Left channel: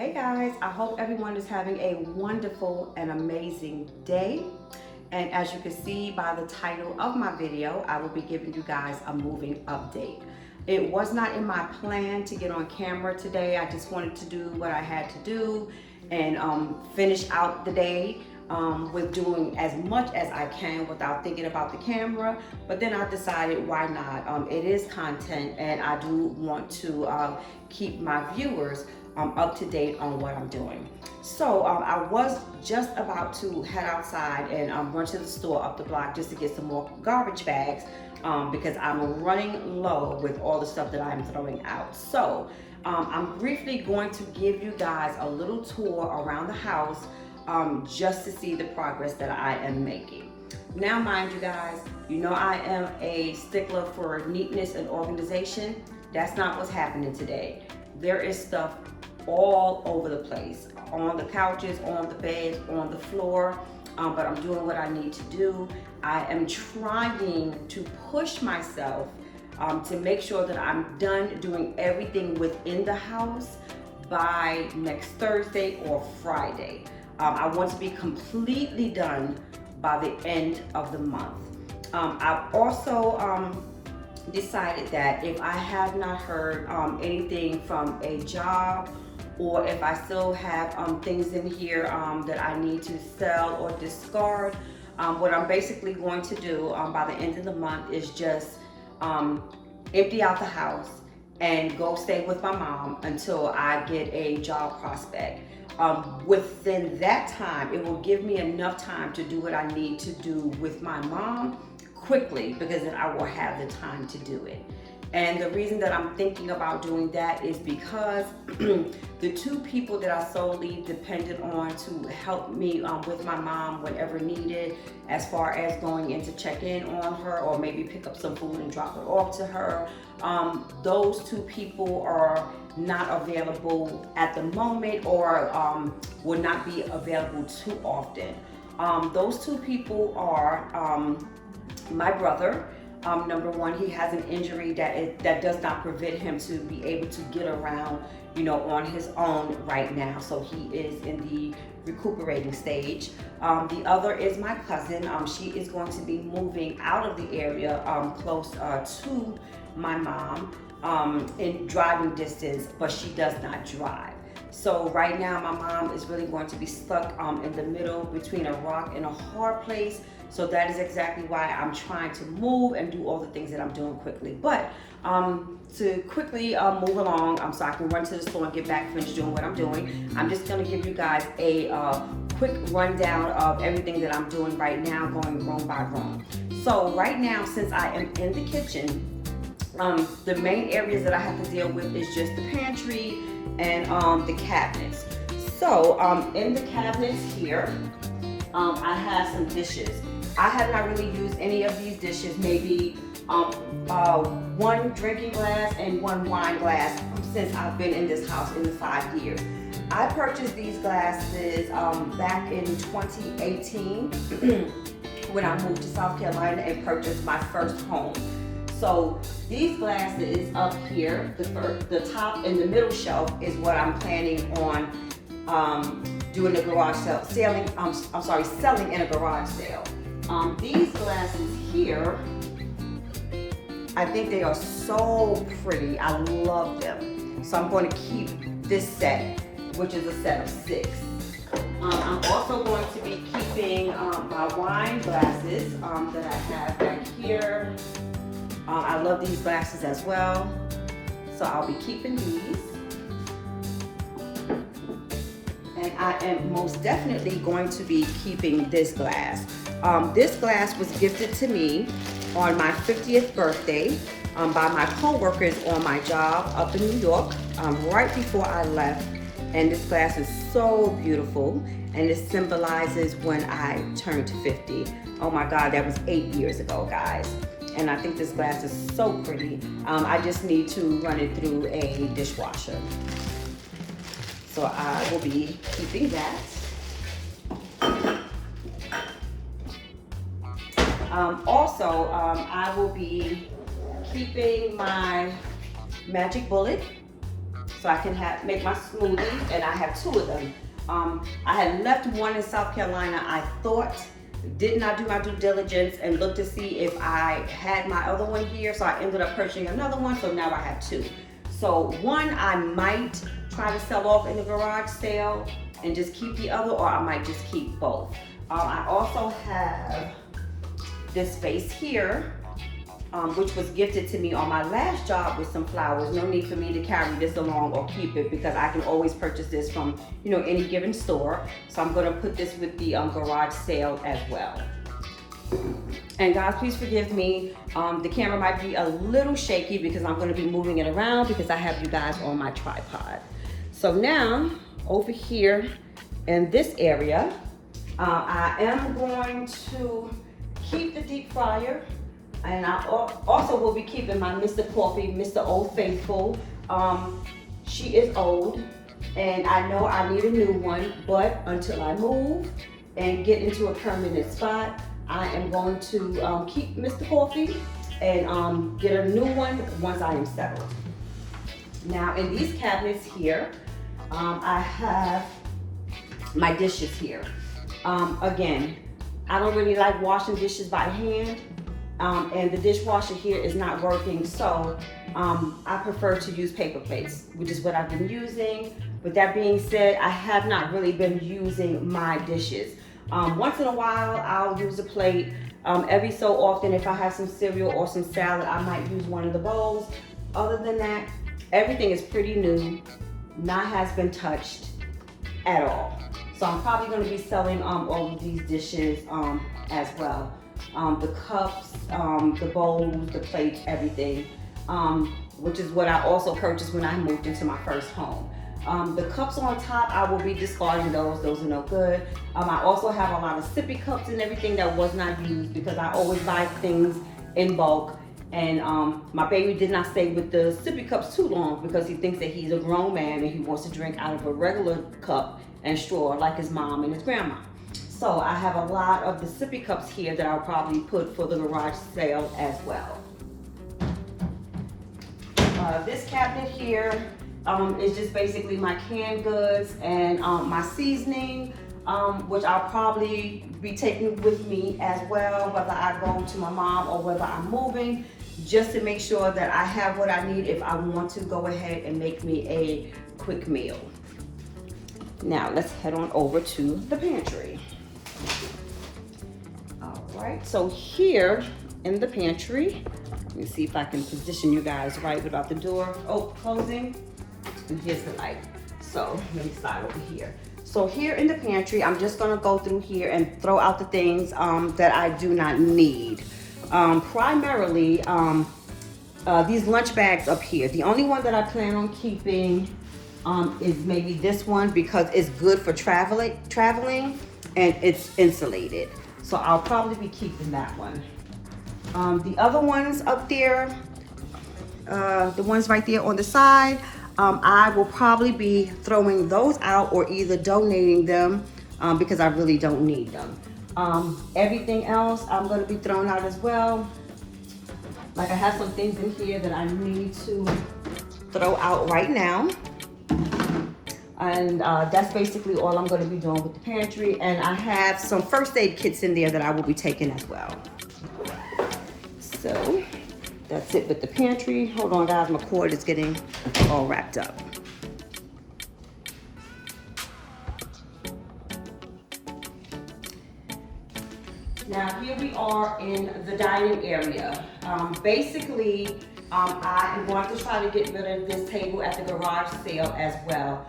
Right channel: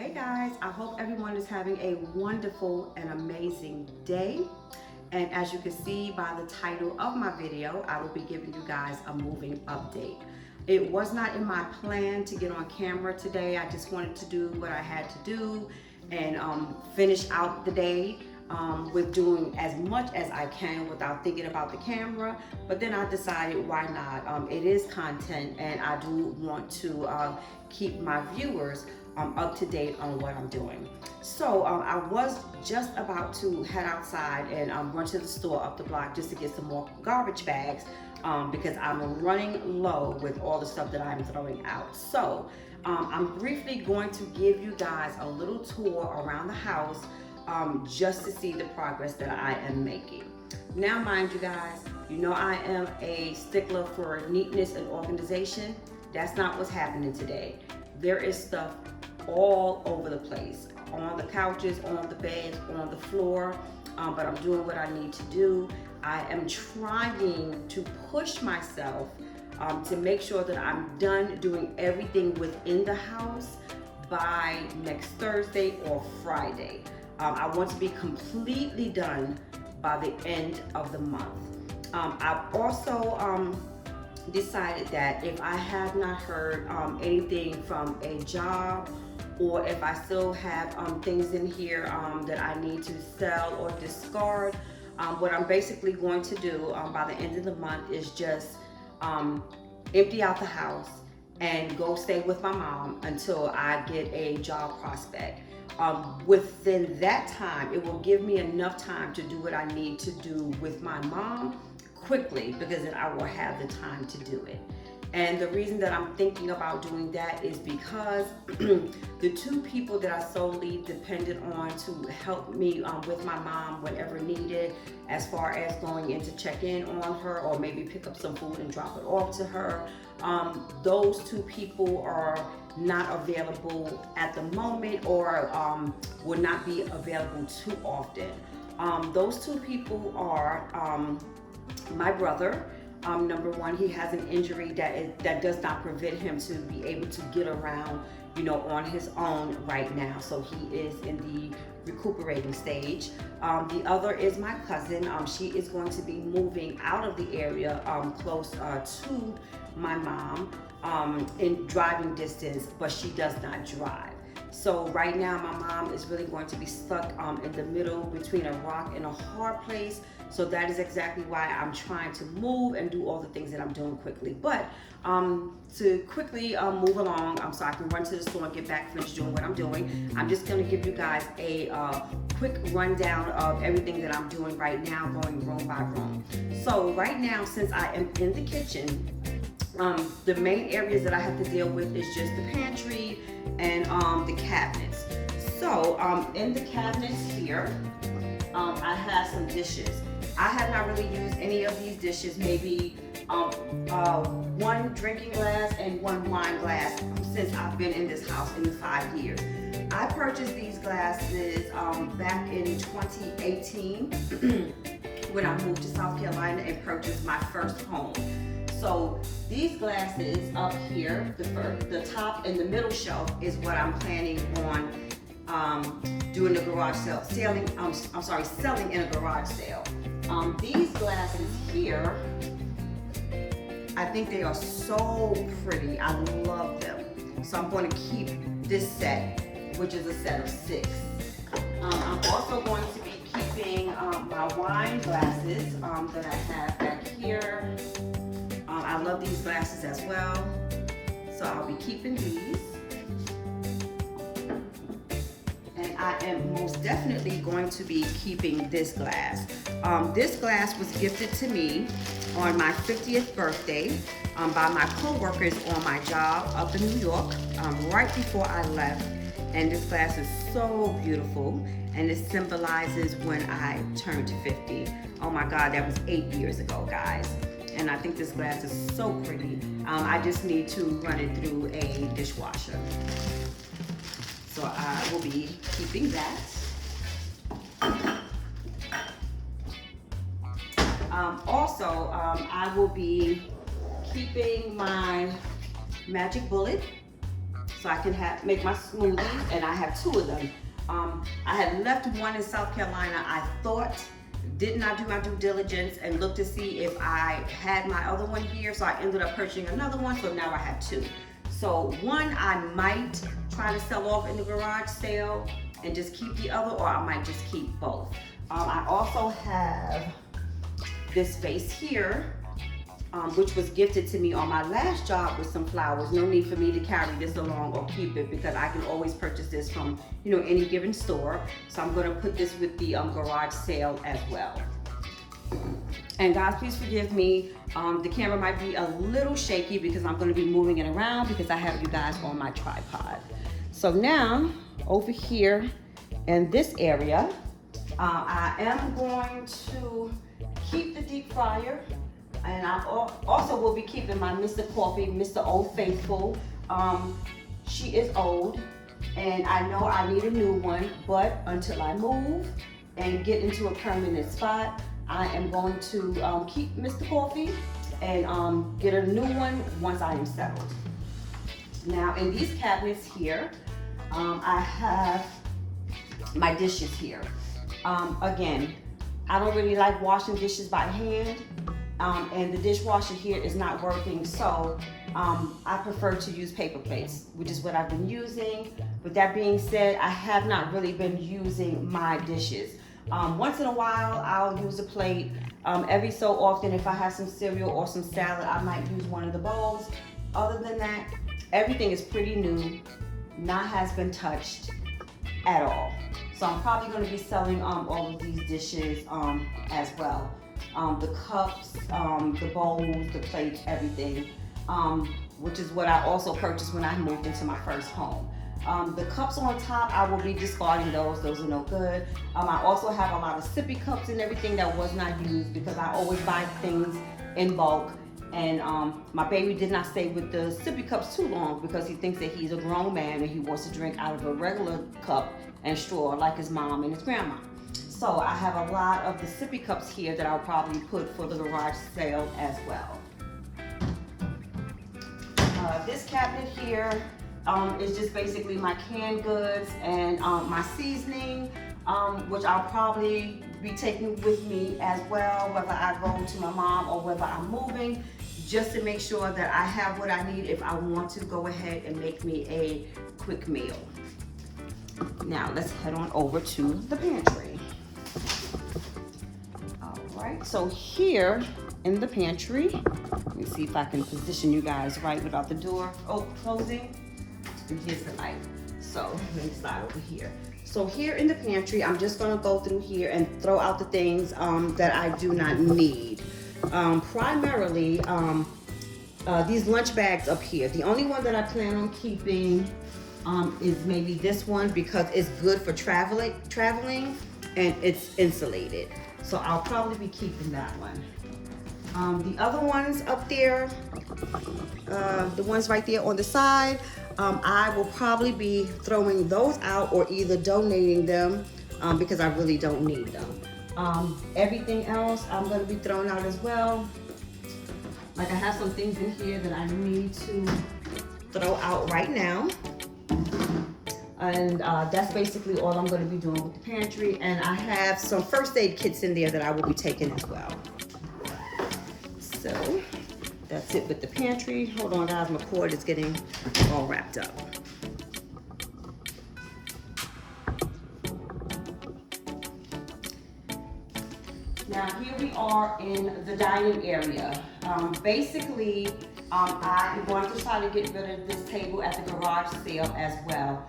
Hey guys, I hope everyone is having a wonderful and amazing day. And as you can see by the title of my video, I will be giving you guys a moving update. It was not in my plan to get on camera today. I just wanted to do what I had to do and finish out the day with doing as much as I can without thinking about the camera. But then I decided, why not? It is content, and I do want to keep my viewers up to date on what I'm doing. So I was just about to head outside and run to the store up the block just to get some more garbage bags because I'm running low with all the stuff that I'm throwing out. So I'm briefly going to give you guys a little tour around the house just to see the progress that I am making. Now, mind you guys, you know I am a stickler for neatness and organization. That's not what's happening today. There is stuff all over the place, on the couches, on the beds, on the floor, but I'm doing what I need to do. I am trying to push myself to make sure that I'm done doing everything within the house by next Thursday or Friday. I want to be completely done by the end of the month. I've also decided that if I have not heard anything from a job, or if I still have things in here that I need to sell or discard, what I'm basically going to do by the end of the month is just empty out the house and go stay with my mom until I get a job prospect. Within that time, it will give me enough time to do what I need to do with my mom quickly, because then I will have the time to do it. And the reason that I'm thinking about doing that is because the two people that I solely depended on to help me with my mom whenever needed, as far as going in to check in on her or maybe pick up some food and drop it off to her, those two people are not available at the moment, or will not be available too often. Those two people are my brother. Number one, he has an injury that does not prevent him to be able to get around, on his own right now. So he is in the recuperating stage. The other is my cousin. She is going to be moving out of the area close to my mom in driving distance, but she does not drive. So right now, my mom is really going to be stuck in the middle between a rock and a hard place. So that is exactly why I'm trying to move and do all the things that I'm doing quickly. But to quickly move along, so I can run to the store and get back, finish doing what I'm doing, I'm just gonna give you guys a quick rundown of everything that I'm doing right now, going room by room. So right now, since I am in the kitchen, the main areas that I have to deal with is just the pantry and the cabinets. So in the cabinets here, I have some dishes. I have not really used any of these dishes, maybe one drinking glass and one wine glass since I've been in this house in the 5 years. I purchased these glasses back in 2018 when I moved to South Carolina and purchased my first home. So these glasses up here, the top and the middle shelf, is what I'm planning on doing the garage sale, selling in a garage sale. These glasses here, I think they are so pretty. I love them. So I'm going to keep this set, which is a set of 6. I'm also going to be keeping my wine glasses that I have back here. I love these glasses as well, so I'll be keeping these. And I am most definitely going to be keeping this glass. This glass was gifted to me on my 50th birthday by my co-workers on my job up in New York right before I left. And this glass is so beautiful, and it symbolizes when I turned 50. Oh my God, that was 8 years ago, guys. And I think this glass is so pretty. I just need to run it through a dishwasher. So I will be keeping that. Also, I will be keeping my magic bullet so I can make my smoothies, and I have 2 of them. I had left one in South Carolina. I thought, did not do my due diligence and look to see if I had my other one here, so I ended up purchasing another one, so now I have 2. So one I might try to sell off in the garage sale and just keep the other, or I might just keep both. I also have this vase here, which was gifted to me on my last job with some flowers. No need for me to carry this along or keep it because I can always purchase this from, you know, any given store. So I'm gonna put this with the garage sale as well. And guys, please forgive me. The camera might be a little shaky because I'm gonna be moving it around because I have you guys on my tripod. So now, over here in this area, I am going to keep the deep fryer, and I also will be keeping my Mr. Coffee, Mr. Old Faithful. She is old, and I know I need a new one, but until I move and get into a permanent spot, I am going to keep Mr. Coffee and get a new one once I am settled. Now, in these cabinets here, I have my dishes here. Again, I don't really like washing dishes by hand, and the dishwasher here is not working, so I prefer to use paper plates, which is what I've been using. With that being said, I have not really been using my dishes. Once in a while, I'll use a plate. Every so often, if I have some cereal or some salad, I might use one of the bowls. Other than that, everything is pretty new, not has been touched at all. So I'm probably going to be selling all of these dishes as well. The cups, the bowls, the plates, everything, which is what I also purchased when I moved into my first home. The cups on top, I will be discarding those. Those are no good. I also have a lot of sippy cups and everything that was not used because I always buy things in bulk. And my baby did not stay with the sippy cups too long because he thinks that he's a grown man and he wants to drink out of a regular cup and straw like his mom and his grandma. So I have a lot of the sippy cups here that I'll probably put for the garage sale as well. This cabinet here is just basically my canned goods and my seasoning, which I'll probably be taking with me as well, whether I go to my mom or whether I'm moving, just to make sure that I have what I need if I want to go ahead and make me a quick meal. Now let's head on over to the pantry. All right, so here in the pantry, let me see if I can position you guys right without the door closing. And here's the light. So let me slide over here. So here in the pantry, I'm just gonna go through here and throw out the things that I do not need. Primarily, these lunch bags up here. The only one that I plan on keeping is maybe this one because it's good for traveling and it's insulated. So I'll probably be keeping that one. The other ones up there, the ones right there on the side, I will probably be throwing those out or either donating them because I really don't need them. Everything else I'm going to be throwing out as well. Like I have some things in here that I need to throw out right now. And that's basically all I'm going to be doing with the pantry. And I have some first aid kits in there that I will be taking as well. So that's it with the pantry. Hold on guys, my cord is getting all wrapped up. Now here we are in the dining area. Basically, I am going to try to get rid of this table at the garage sale as well.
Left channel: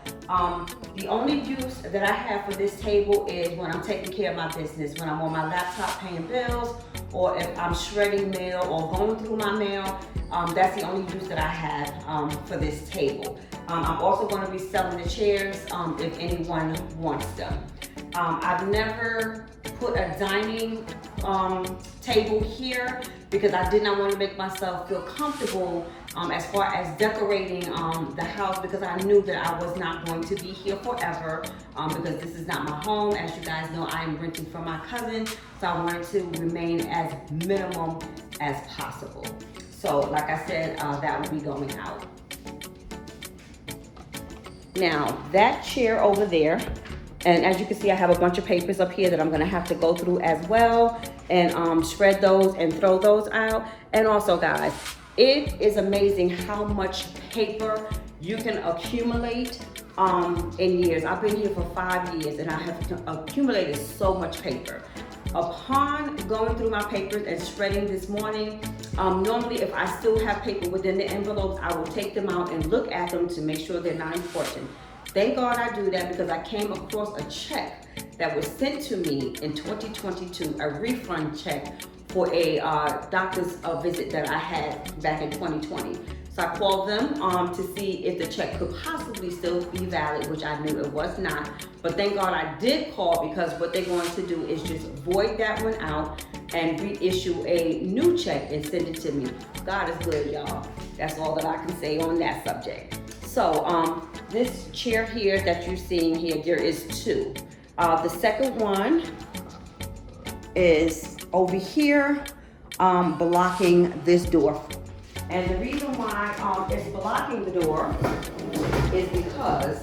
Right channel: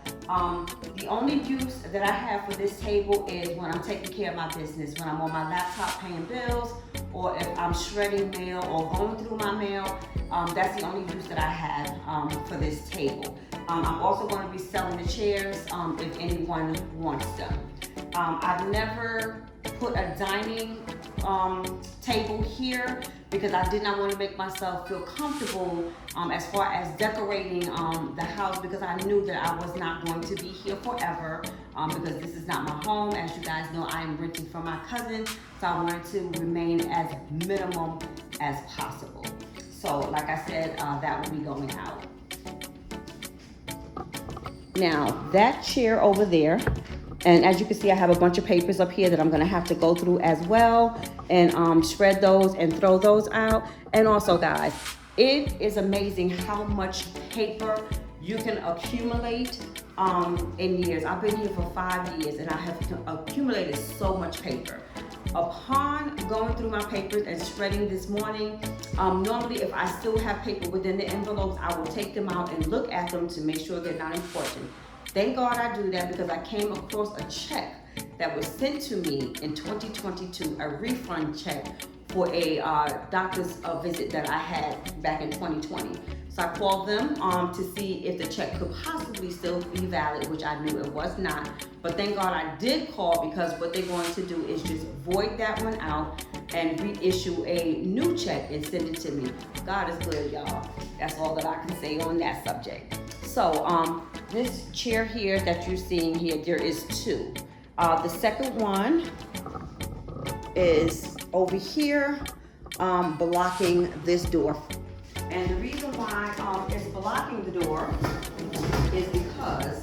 The only use that I have for this table is when I'm taking care of my business, when I'm on my laptop paying bills, or if I'm shredding mail or going through my mail. That's the only use that I have for this table. I'm also going to be selling the chairs if anyone wants them. I've never put a dining table here because I did not want to make myself feel comfortable as far as decorating the house, because I knew that I was not going to be here forever because this is not my home. As you guys know, I am renting from my cousin, so I wanted to remain as minimum as possible. So like I said, that will be going out. Now, that chair over there, and as you can see, I have a bunch of papers up here that I'm gonna have to go through as well and shred those and throw those out. And also, guys, it is amazing how much paper you can accumulate in years. I've been here for 5 years and I have accumulated so much paper. Upon going through my papers and shredding this morning, normally if I still have paper within the envelopes, I will take them out and look at them to make sure they're not important. Thank God I do that because I came across a check that was sent to me in 2022, a refund check for a doctor's visit that I had back in 2020. So I called them to see if the check could possibly still be valid, which I knew it was not. But thank God I did call, because what they're going to do is just void that one out and reissue a new check and send it to me. God is good, y'all. That's all that I can say on that subject. So this chair here that you're seeing here, there is two. The second one is over here blocking this door. And the reason why it's blocking the door is because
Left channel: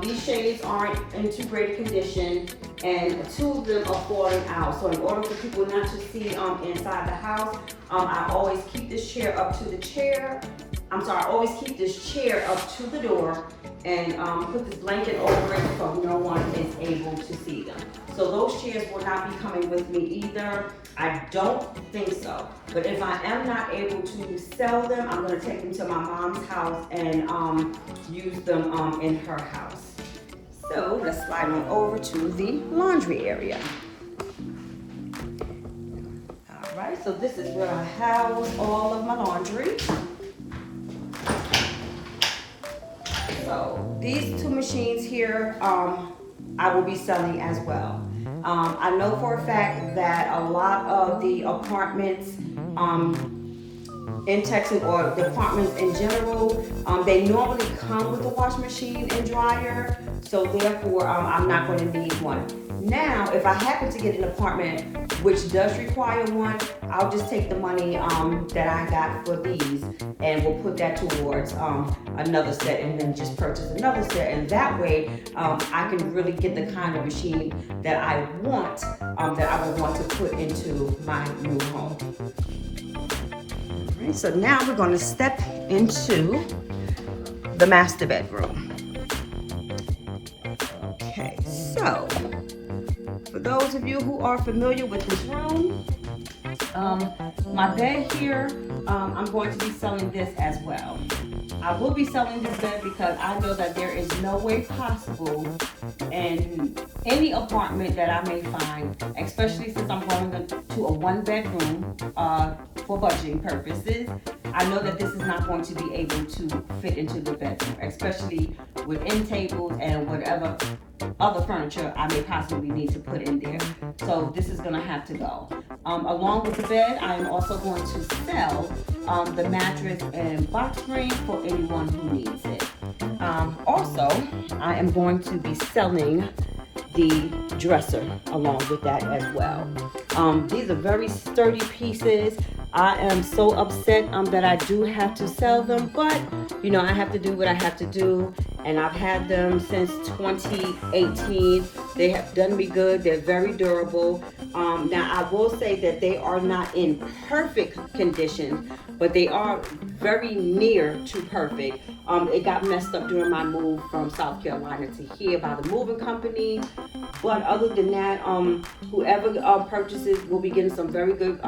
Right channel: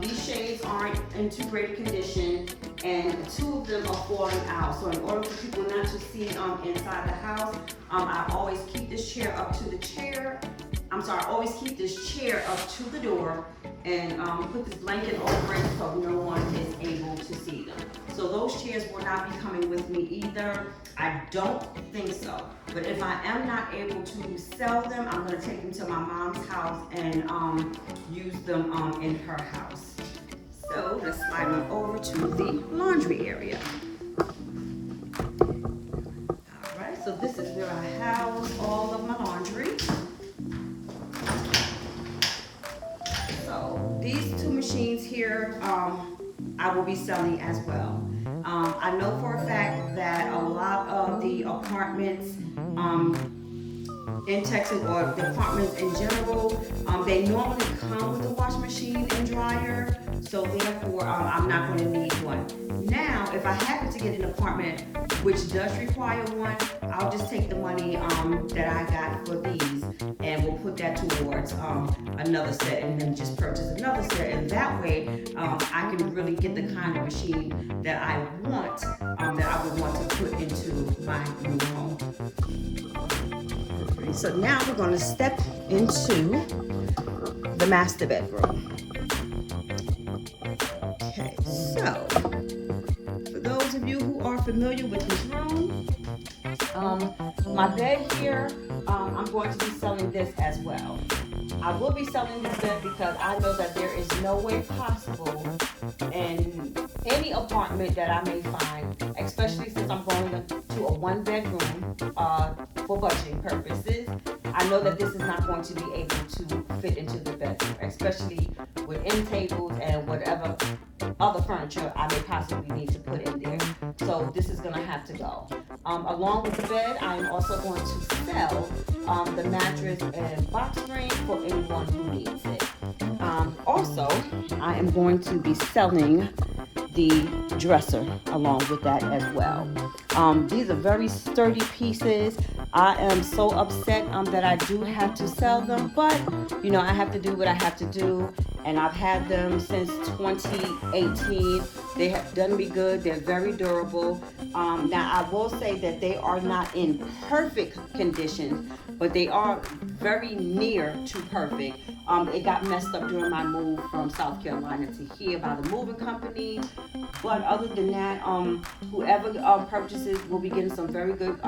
these shades aren't in too great a condition and two of them are falling out. So in order for people not to see inside the house, I always keep this chair up to the chair. I always keep this chair up to the door and put this blanket over it so no one is able to see them. So those chairs will not be coming with me either. I don't think so. But if I am not able to sell them, I'm gonna take them to my mom's house and use them in her house. So let's slide on over to the laundry area. All right, so this is where I house all of my laundry. So these two machines here, I will be selling as well. I know for a fact that a lot of the apartments in Texas, or the apartments in general, they normally come with a washing machine and dryer, so therefore I'm not going to need one. Now, if I happen to get an apartment which does require one, I'll just take the money that I got for these and we'll put that towards another set and then just purchase another set. And that way, I can really get the kind of machine that I want, that I would want to put into my new home. Okay, so now we're going to step into the master bedroom. Okay, so for those of you who are familiar with this room, my bed here, I'm going to be selling this as well. I will be selling this bed because I know that there is no way possible in any apartment that I may find, especially since I'm going to a one-bedroom for budgeting purposes. I know that this is not going to be able to fit into the bedroom, especially with end tables and whatever other furniture I may possibly need to put in there. So this is going to have to go. Along with the bed, I am also going to sell the mattress and box spring for anyone who needs it. Also, I am going to be selling the dresser along with that as well. These are very sturdy pieces. I am so upset that I do have to sell them, but you know, I have to do what I have to do, and I've had them since 2018. They have done me good. They're very durable. Now I will say that they are not in perfect condition, but they are very near to perfect. It got messed up during my move from South Carolina to here by the moving company. But other than that, whoever purchases will be getting some very good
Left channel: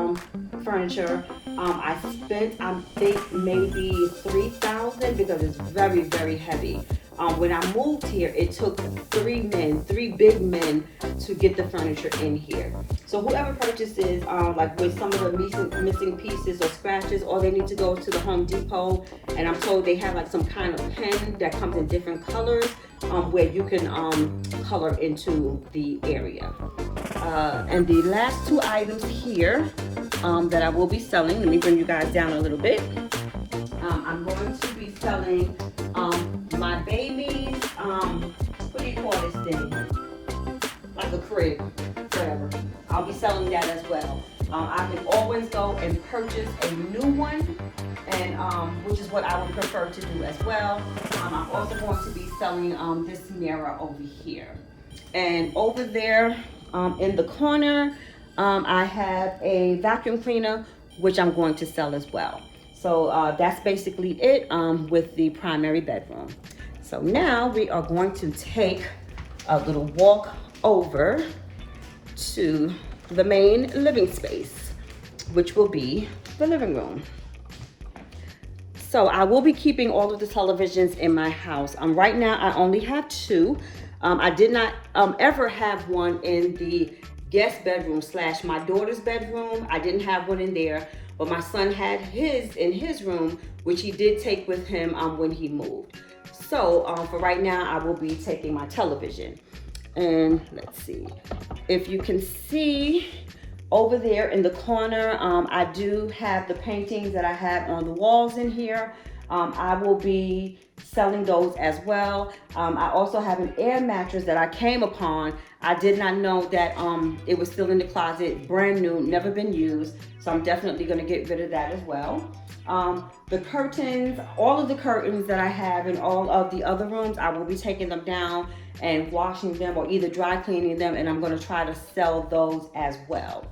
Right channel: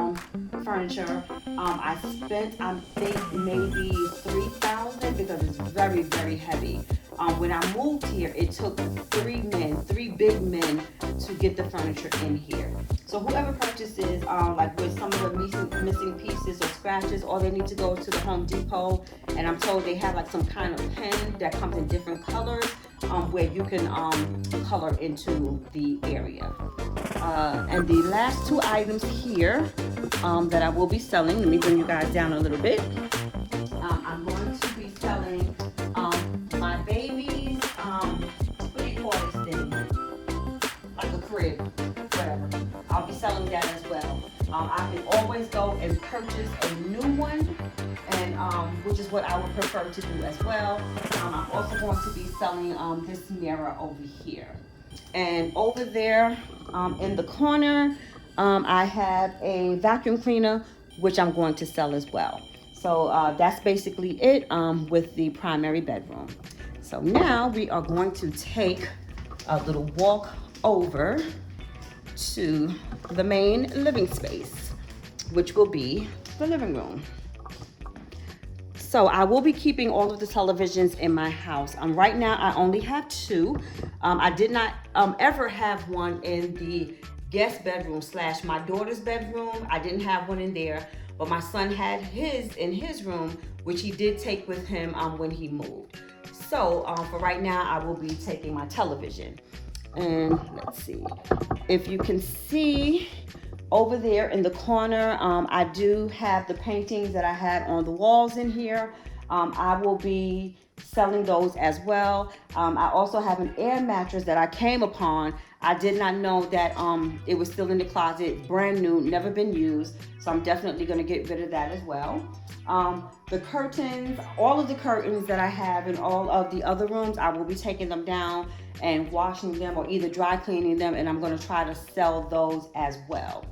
furniture. I spent, I think, maybe $3,000 because it's very, very heavy. When I moved here, it took three big men to get the furniture in here. So whoever purchases, like with some of the missing pieces or scratches, or they need to go to the Home Depot, and I'm told they have like some kind of pen that comes in different colors, where you can color into the area. And the last two items here that I will be selling, let me bring you guys down a little bit. I'm going to be selling my baby's, what do you call this thing? Like a crib, whatever. I'll be selling that as well. I can always go and purchase a new one, and which is what I would prefer to do as well. I'm also going to be selling this mirror over here. And over there in the corner, I have a vacuum cleaner, which I'm going to sell as well. So that's basically it with the primary bedroom. So now we are going to take a little walk over to the main living space, which will be the living room. So I will be keeping all of the televisions in my house. Right now I only have two. I did not ever have one in the guest bedroom / my daughter's bedroom. I didn't have one in there, but my son had his in his room, which he did take with him when he moved. So for right now, I will be taking my television. And let's see, if you can see over there in the corner, I do have the paintings that I had on the walls in here. I will be selling those as well. I also have an air mattress that I came upon. I did not know that it was still in the closet, brand new, never been used. So I'm definitely gonna get rid of that as well. The curtains, all of the curtains that I have in all of the other rooms, I will be taking them down and washing them or either dry cleaning them, and I'm gonna try to sell those as well.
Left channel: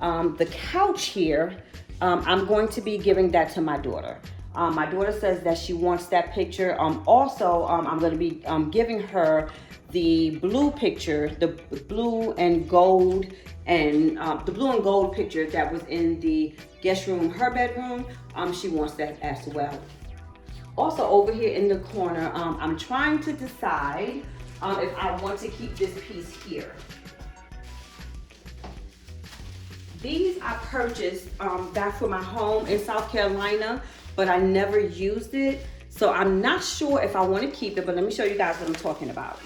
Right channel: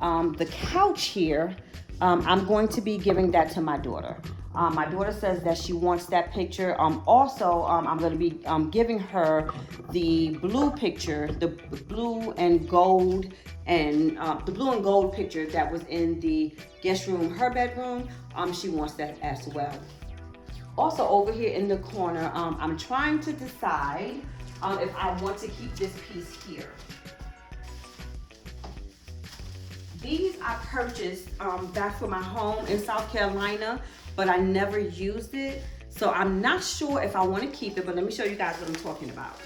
The couch here, I'm going to be giving that to my daughter. My daughter says that she wants that picture. Also, I'm going to be giving her the blue picture, the blue and gold, and the blue and gold picture that was in the guest room, her bedroom. She wants that as well. Also, over here in the corner, I'm trying to decide if I want to keep this piece here. These I purchased back for my home in South Carolina, but I never used it. So I'm not sure if I want to keep it, but let me show you guys what I'm talking about.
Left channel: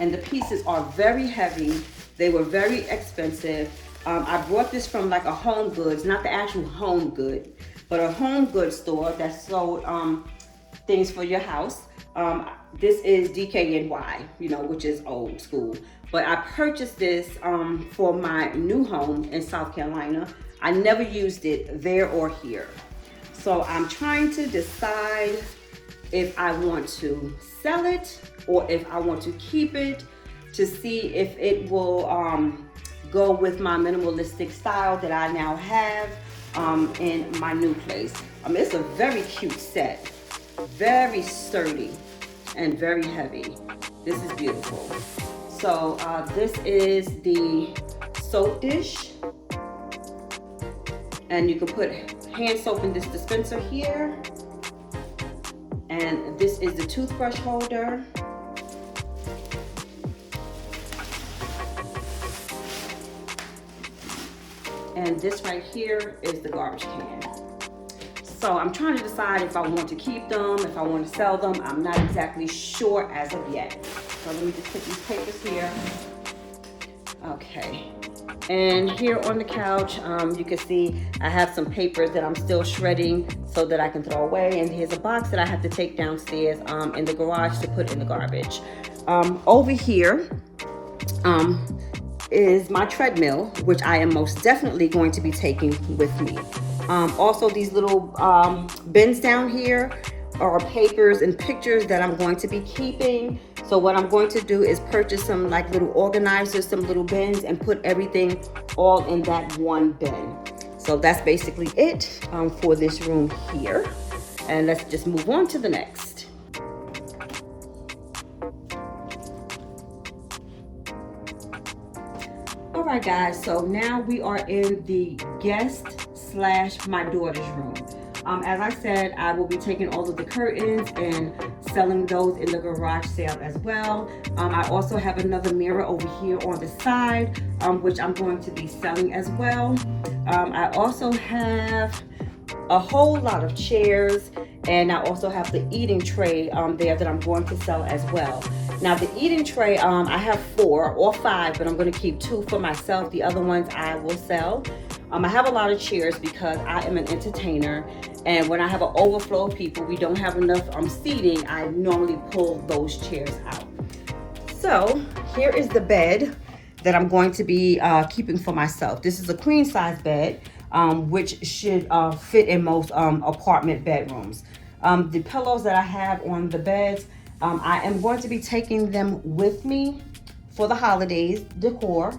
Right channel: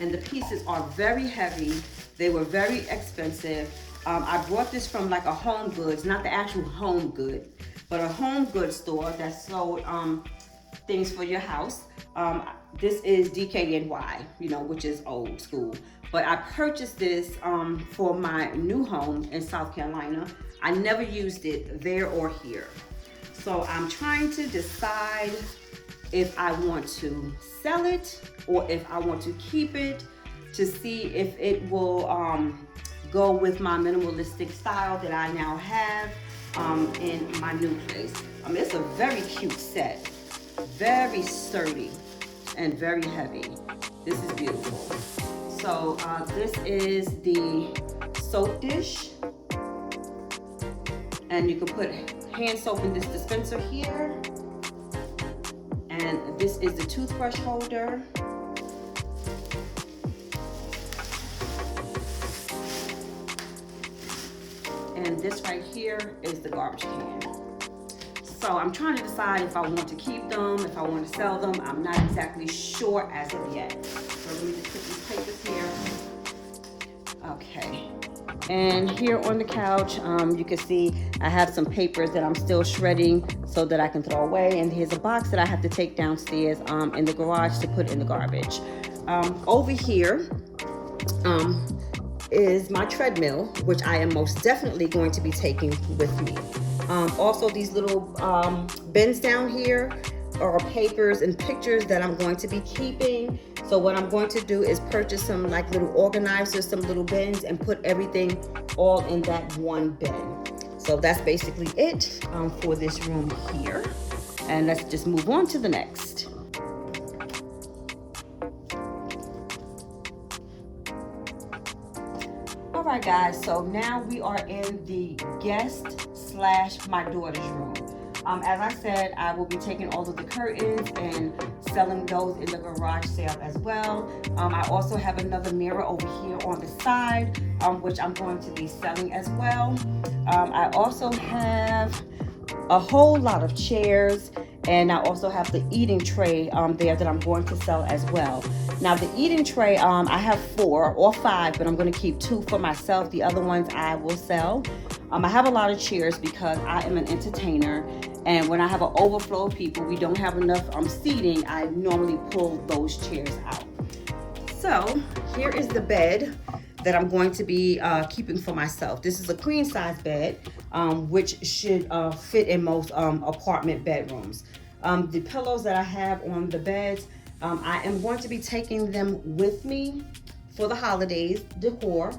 And the pieces are very heavy. They were very expensive. I brought this from like a Home Goods, not the actual Home Good, but a Home Goods store that sold things for your house. This is DKNY, you know, which is old school. But I purchased this for my new home in South Carolina. I never used it there or here. So I'm trying to decide if I want to sell it or if I want to keep it to see if it will go with my minimalistic style that I now have in my new place. It's a very cute set, very sturdy and very heavy. This is beautiful. So this is the soap dish, and you can put hand soap in this dispenser here. And this is the toothbrush holder. And this right here is the garbage can. So I'm trying to decide if I want to keep them, if I want to sell them. I'm not exactly sure as of yet. So let me just put these papers here. Okay. And here on the couch, you can see I have some papers that I'm still shredding so that I can throw away. And here's a box that I have to take downstairs in the garage to put in the garbage. Over here is my treadmill, which I am most definitely going to be taking with me. Also, these little bins down here are papers and pictures that I'm going to be keeping. So what I'm going to do is purchase some like little organizers, some little bins, and put everything all in that one bin. So that's basically it for this room here. And let's just move on to the next. All right, guys, so now we are in the guest / my daughter's room. As I said, I will be taking all of the curtains and selling those in the garage sale as well. I also have another mirror over here on the side, which I'm going to be selling as well. I also have a whole lot of chairs, and I also have the eating tray there that I'm going to sell as well. Now the eating tray, I have 4 or 5, but I'm going to keep 2 for myself. The other ones I will sell. I have a lot of chairs because I am an entertainer, and when I have an overflow of people, we don't have enough seating, I normally pull those chairs out. So here is the bed that I'm going to be keeping for myself. This is a queen size bed, which should fit in most apartment bedrooms. The pillows that I have on the beds, I am going to be taking them with me for the holidays decor,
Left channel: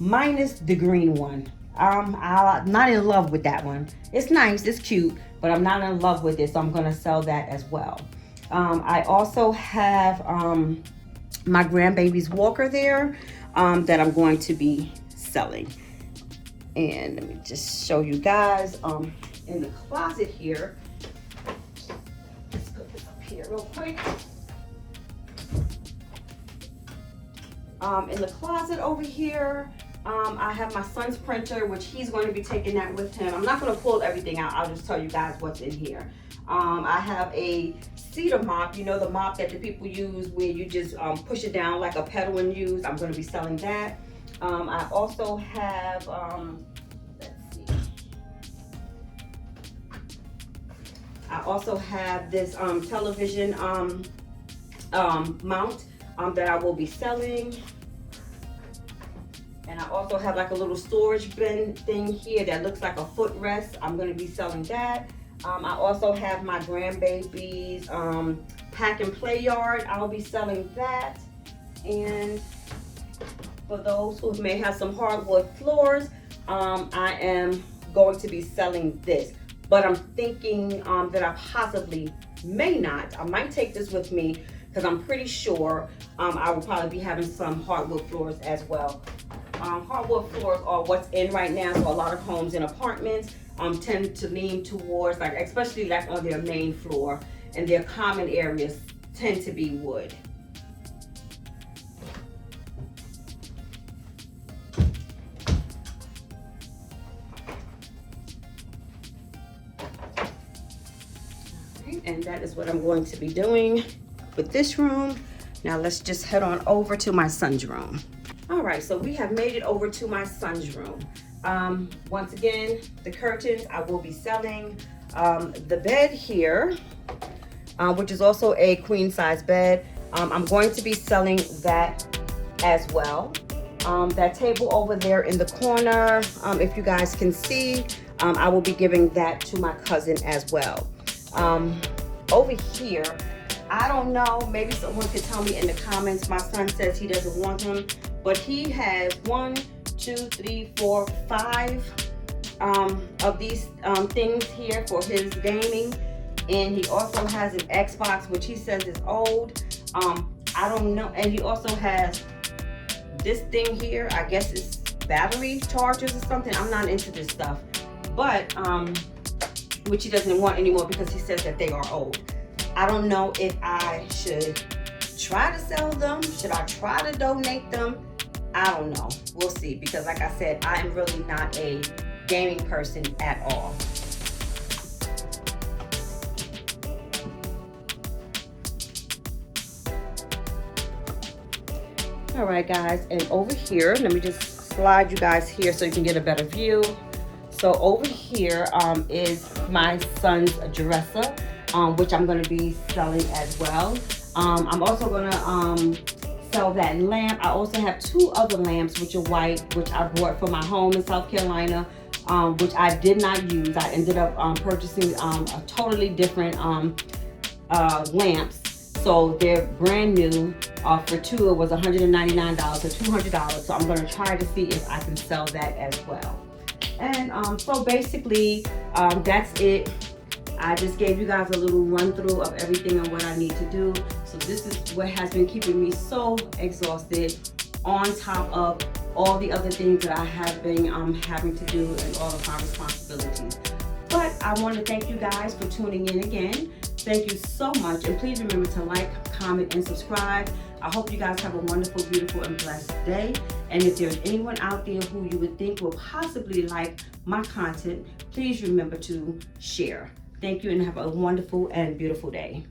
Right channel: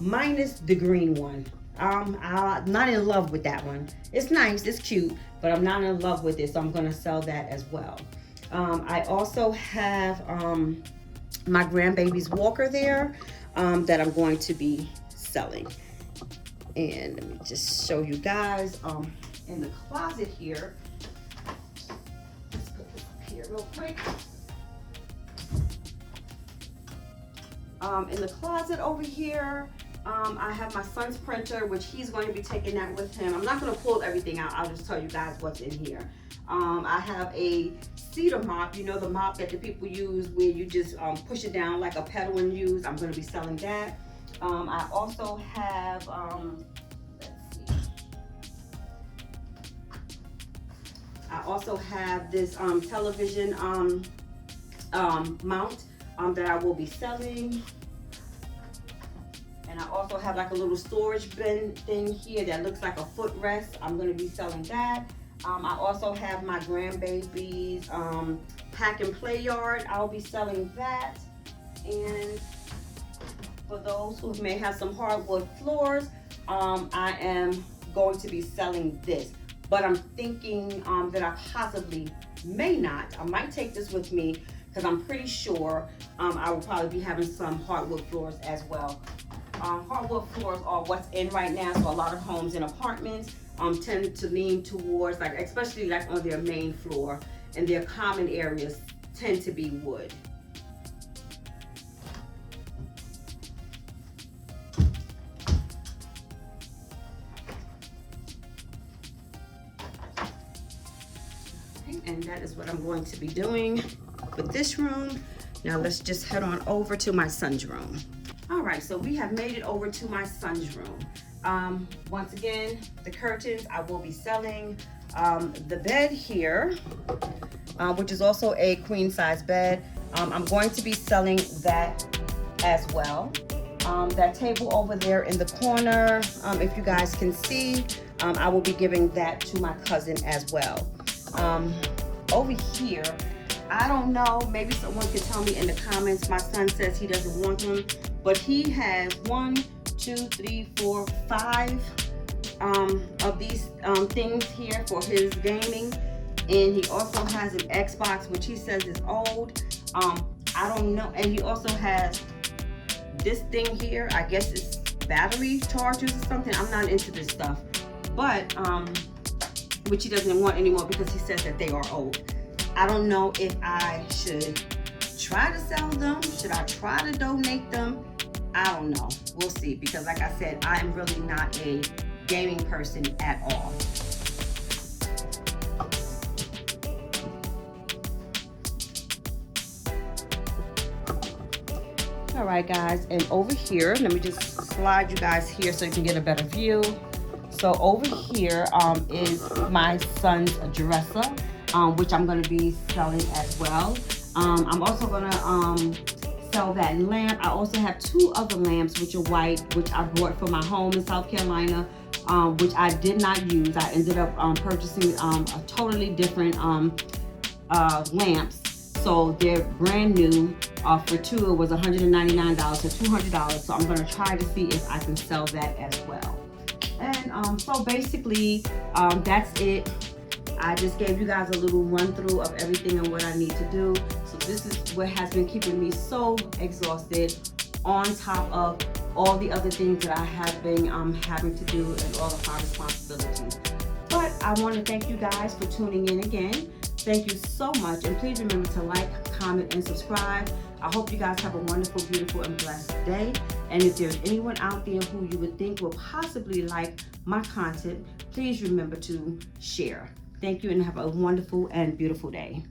minus the green one. I'm not in love with that one. It's nice, it's cute, but I'm not in love with it, so I'm gonna sell that as well. I also have my grandbaby's walker there that I'm going to be selling. And let me just show you guys in the closet here. Let's put this up here real quick. In the closet over here, I have my son's printer, which he's going to be taking that with him. I'm not going to pull everything out. I'll just tell you guys what's in here. I have a cedar mop, you know, the mop that the people use where you just push it down like a pedal and use. I'm going to be selling that. I also have, let's see. I also have this television mount that I will be selling. And I also have like a little storage bin thing here that looks like a footrest. I'm going to be selling that. I also have my grandbaby's pack and play yard. I'll be selling that. And for those who may have some hardwood floors, I am going to be selling this. But I'm thinking that I possibly may not. I might take this with me because I'm pretty sure I will probably be having some hardwood floors as well. Hardwood floors are what's in right now, so a lot of homes and apartments tend to lean towards, like, especially like on their main floor, and their common areas tend to be wood. And that is what I'm going to be doing for this room. Now let's just head on over to my son's room. All right, so we have made it over to my son's room. Once again, the curtains I will be selling. The bed here, which is also a queen size bed, I'm going to be selling that as well. That table over there in the corner, if you guys can see, I will be giving that to my cousin as well. Over here, I don't know, maybe someone could tell me in the comments. My son says he doesn't want them, but he has 1, 2, 3, 4, 5 of these things here for his gaming. And he also has an Xbox, which he says is old. I don't know. And he also has this thing here. I guess it's battery chargers or something. I'm not into this stuff, but which he doesn't want anymore because he says that they are old. I don't know if I should try to sell them. Should I try to donate them? I don't know. We'll see, because like I said, I am really not a gaming person at all. All right, guys, and over here, let me just slide you guys here so you can get a better view. So over here is my son's dresser, which I'm going to be selling as well. I'm also going to sell that lamp. I also have 2 other lamps, which are white, which I bought for my home in South Carolina, which I did not use. I ended up purchasing a totally different lamps. So they're brand new. For 2, it was $199, so $200. So I'm going to try to see if I can sell that as well. And so basically, that's it. I just gave you guys a little run through of everything and what I need to do. So this is what has been keeping me so exhausted, on top of all the other things that I have been having to do and all of my responsibilities. But I want to thank you guys for tuning in again. Thank you so much, and please remember to like, comment, and subscribe. I hope you guys have a wonderful, beautiful, and blessed day. And if there's anyone out there who you would think will possibly like my content, please remember to share. Thank you, and have a wonderful and beautiful day.